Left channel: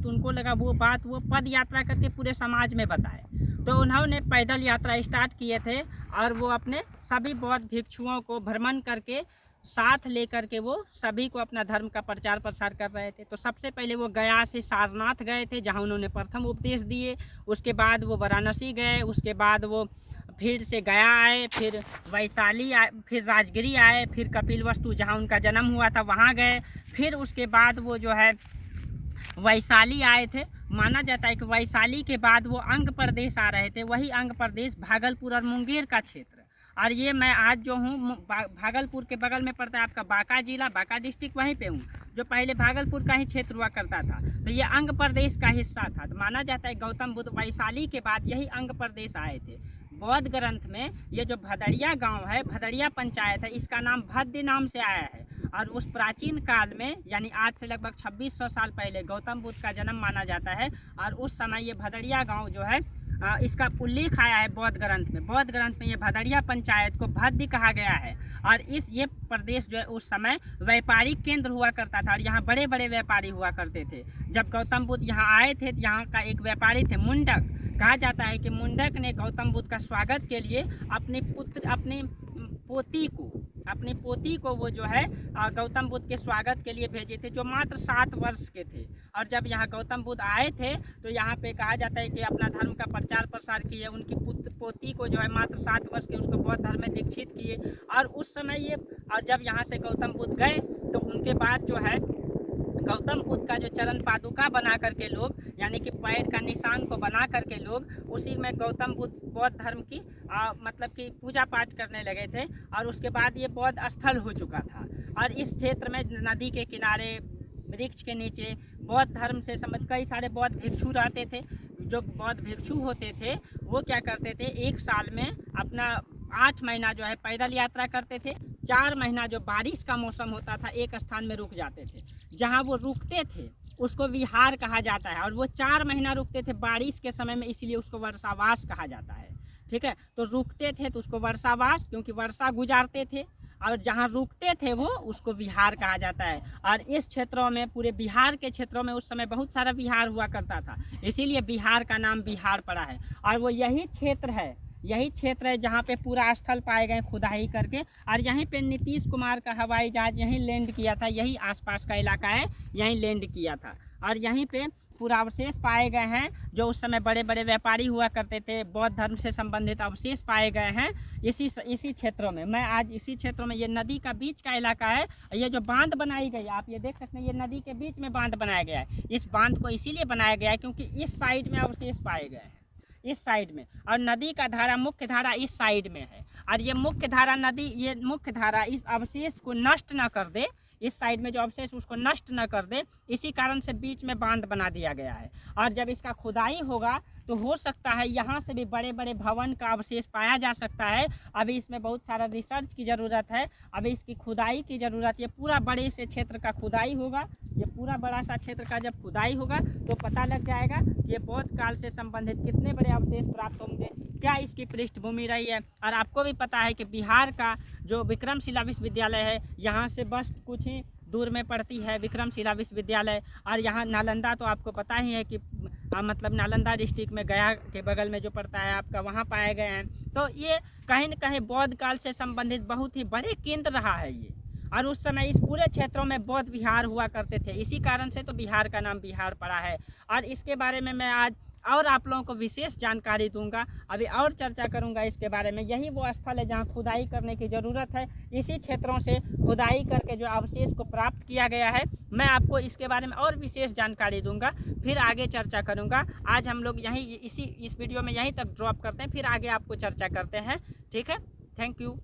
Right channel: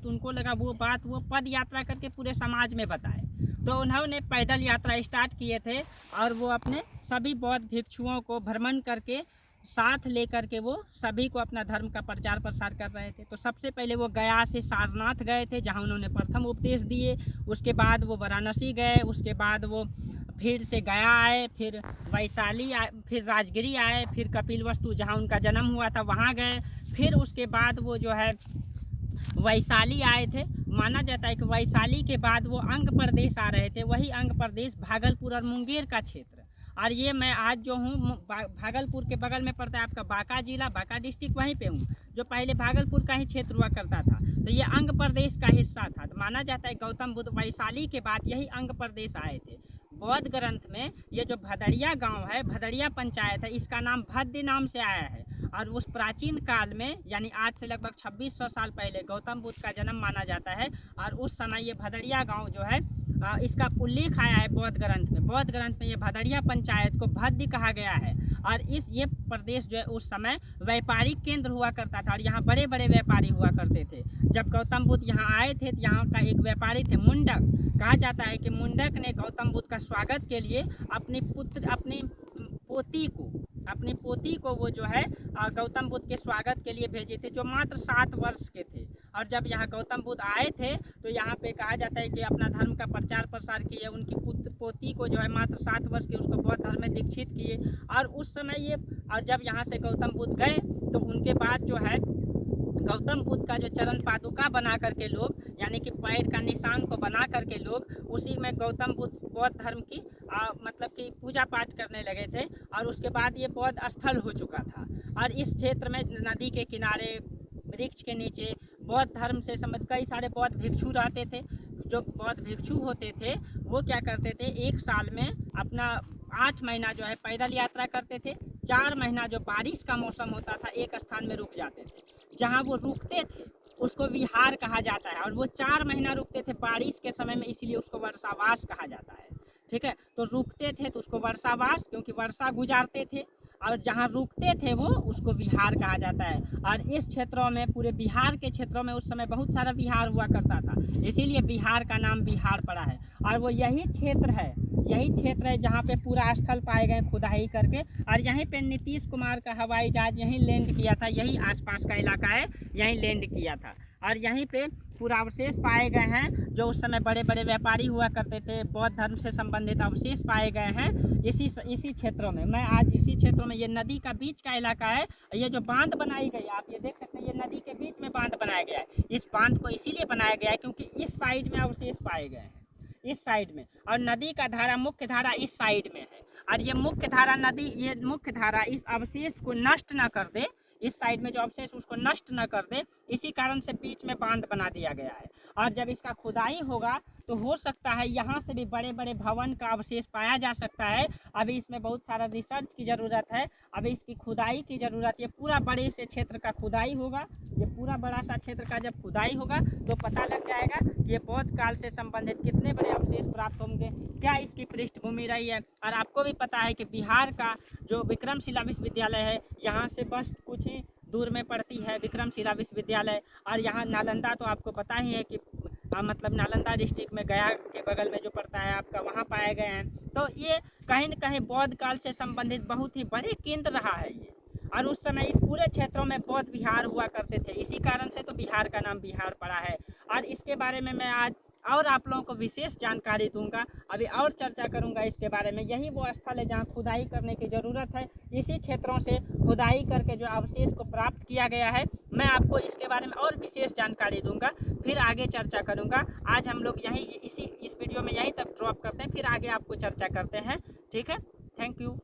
तो उनको लगा वो बात वो पद यात्रा करके पूरे समाज में बताए। तो उन्होंने पैदल यात्रा स्टार्ट किए थे और वो अपने सभी बौद्ध भिक्षुओं को भ्रमण करके साथ लेकर के वो सभी को अपना धर्म का प्रचार प्रसार कर रहे थे। तो सबसे पहले वो गया से सारनाथ गए थे, जहाँ उन्होंने प्रथम उपदेश दिए। उसके बाद वो वाराणसी गए, उसके बाद वो फिर से गया आए, फिर वैशाली आए, फिर राजगिरी आए, फिर कपिलवस्तु जहाँ उनका जन्म हुआ था वहाँ गए, फिर उसके बाद वो जो है वैशाली आए थे। माना जाता है कि वैशाली के बाद वो अंग प्रदेश आ रहे थे, वही अंग प्रदेश भागलपुर और मुंगेर का क्षेत्र। और ये मैं आज जो हूँ भागलपुर के बगल में पड़ता है आपका बांका जिला, बांका डिस्ट्रिक्ट, वहीं पे हूँ, जो पहले भागलपुर का ही क्षेत्र हुआ करता था। तो ये अंग प्रदेश का हिस्सा था। तो माना जाता है गौतम बुद्ध वैशाली के बाद यही अंग प्रदेश आए थे। बौद्ध ग्रंथ में ये जो भदड़िया गांव है, भदड़िया पंचायत है, इसका नाम भद्य नाम से आया है। और उस प्राचीन काल में यानी आज से लगभग 2600 साल पहले गौतम बुद्ध का जन्म माना जाता है। और उस समय ये भदड़िया गांव जो है इसका उल्लेख आया है बौद्ध ग्रंथ में। बौद्ध ग्रंथ में ये भदड़िया पंचायत को भद्य कहा गया है। और ये प्रदेश जो है उस समय व्यापारिक केंद्र हुआ करता था और यहाँ बड़े बड़े व्यापारी हुआ करते थे। जब गौतम बुद्ध यहाँ आए थे तो यहाँ का एक व्यापारी थे मुंडक। कहा जाता है कि मुंडक ने गौतम बुद्ध का स्वागत के लिए अपनी पोती को वो जो है गौतम बुद्ध के स्वागत के लिए भेजे थे, जो मात्र 7 वर्ष के थे। और जब यहाँ गौतम बुद्ध आए थे तो यहाँ पे कहा जाता है कि अपना धर्म का प्रचार प्रसार किए। उनकी पोती को जो है मात्र 7 वर्ष के, उसको बौद्ध धर्म में दीक्षित किए। और उस समय और जब यहाँ से गौतम बुद्ध गए तो उनके बाद जो है गौतम बुद्ध का जो चरण पादुका बना करके लोग, यानी कि पैर का निशान को बना करके लोग उसी में गौतम बुद्ध बौद्ध धर्म की मतलब कि पूजा पाठ करने लगे थे। और उसके बाद ये बौद्ध स्थल हो चुका था। और इस क्षेत्र में नदी के किनारे, वृक्ष के नीचे बौद्ध धर्म से संबंधित कई सारे बौद्ध भिक्षु रहते थे। जो बौद्ध भिक्षु होते थे वो क्या करते थे, एक साल में अपना 8 महीना जो है पैदल यात्रा करते थे। 4 महीना जो बारिश का मौसम होता था एक स्थान में रुक जाते थे। जहाँ वो रुकते थे उसको विहार कहा जाता है। और वो 4 महीना रुकते थे बारिश के समय में, इसलिए उसको वर्षावास कहा जाता है। ठीक है, तो रुकते थे तो उसको वर्षावास, क्योंकि वर्षा गुजारते थे। और जहाँ रुकते थे वो उसको विहार कहा जाता है। और इस क्षेत्रों में, पूरे बिहार के क्षेत्रों में उस समय बहुत सारा विहार हुआ करता था, इसीलिए बिहार का नाम बिहार पड़ा है। और वो यही क्षेत्र है जहाँ पे पूरा स्थल पाए गए खुदाई करके। और यहीं पे नीतीश कुमार का हवाई जहाज यहीं लैंड किया था, यही आसपास का इलाका है, यहीं लैंड किया था। और यहीं पे पूरा अवशेष पाए गए हैं, जो उस समय बड़े बड़े व्यापारी हुआ करते थे। बौद्ध धर्म से संबंधित अवशेष पाए गए हैं इसी क्षेत्रों में। मैं आज इसी क्षेत्रों में, ये नदी का बीच का इलाका है। ये जो बांध बनाई गई आप ये देख सकते हैं, ये नदी के बीच में बांध बनाया गया है। इस बांध को इसीलिए बनाया गया है क्योंकि इस साइड में अवशेष पाए गए हैं, इस साइड में। और नदी का धारा, मुख्य धारा इस साइड में है। और ये मुख्य धारा इस अवशेष को नष्ट न कर दे, इस साइड में जो अवशेष उसको नष्ट न कर दे, इसी कारण से बीच में बांध बना दिया गया है। और जब इसका खुदाई होगा तो हो सकता है यहाँ से भी बड़े बड़े भवन का अवशेष पाया जा सकता है। अभी इसमें बहुत सारा रिसर्च की ज़रूरत है, अभी इसकी खुदाई की ज़रूरत। ये पूरा बड़े से क्षेत्र का खुदाई होगा, ये पूरा बड़ा सा क्षेत्र का जब खुदाई होगा तो पता लग जाएगा कि ये बौद्ध काल से संबंधित कितने बड़े अवशेष प्राप्त होंगे, क्या इसकी पृष्ठभूमि रही है। और आपको भी पता है कि बिहार का जो विक्रमशिला विश्वविद्यालय है, यहाँ से बस कुछ ही दूर में पड़ती है विक्रमशिला विश्वविद्यालय। और यहाँ नालंदा तो आपको पता ही है कि मतलब नालंदा डिस्ट्रिक्ट में गया के बगल में जो पड़ता है आपका, वहाँ पाए गए हैं। तो ये कहीं न कहीं बौद्ध काल से संबंधित बहुत ही बड़े केंद्र रहा है ये। और उस समय इस पूरे क्षेत्रों में बौद्ध विहार हुआ करते थे, इसी कारण से तो बिहार का नाम बिहार पड़ा है। और इसके बारे में मैं आज और आप लोगों को विशेष जानकारी दूंगा, अभी और चर्चा करूंगा इसके बारे में। यही वो स्थल है जहां खुदाई करने की ज़रूरत है। इसी क्षेत्रों से खुदाई करके जो अवशेष को प्राप्त किया गया है, मैं आपको इसके बारे में और विशेष जानकारी दूंगा, फिर आगे चर्चा करूंगा। आज हम लोग इस वीडियो में यहीं तक ड्रॉप करते हैं, फिर आगे आपको चर्चा करते हैं। ठीक है, थैंक यू।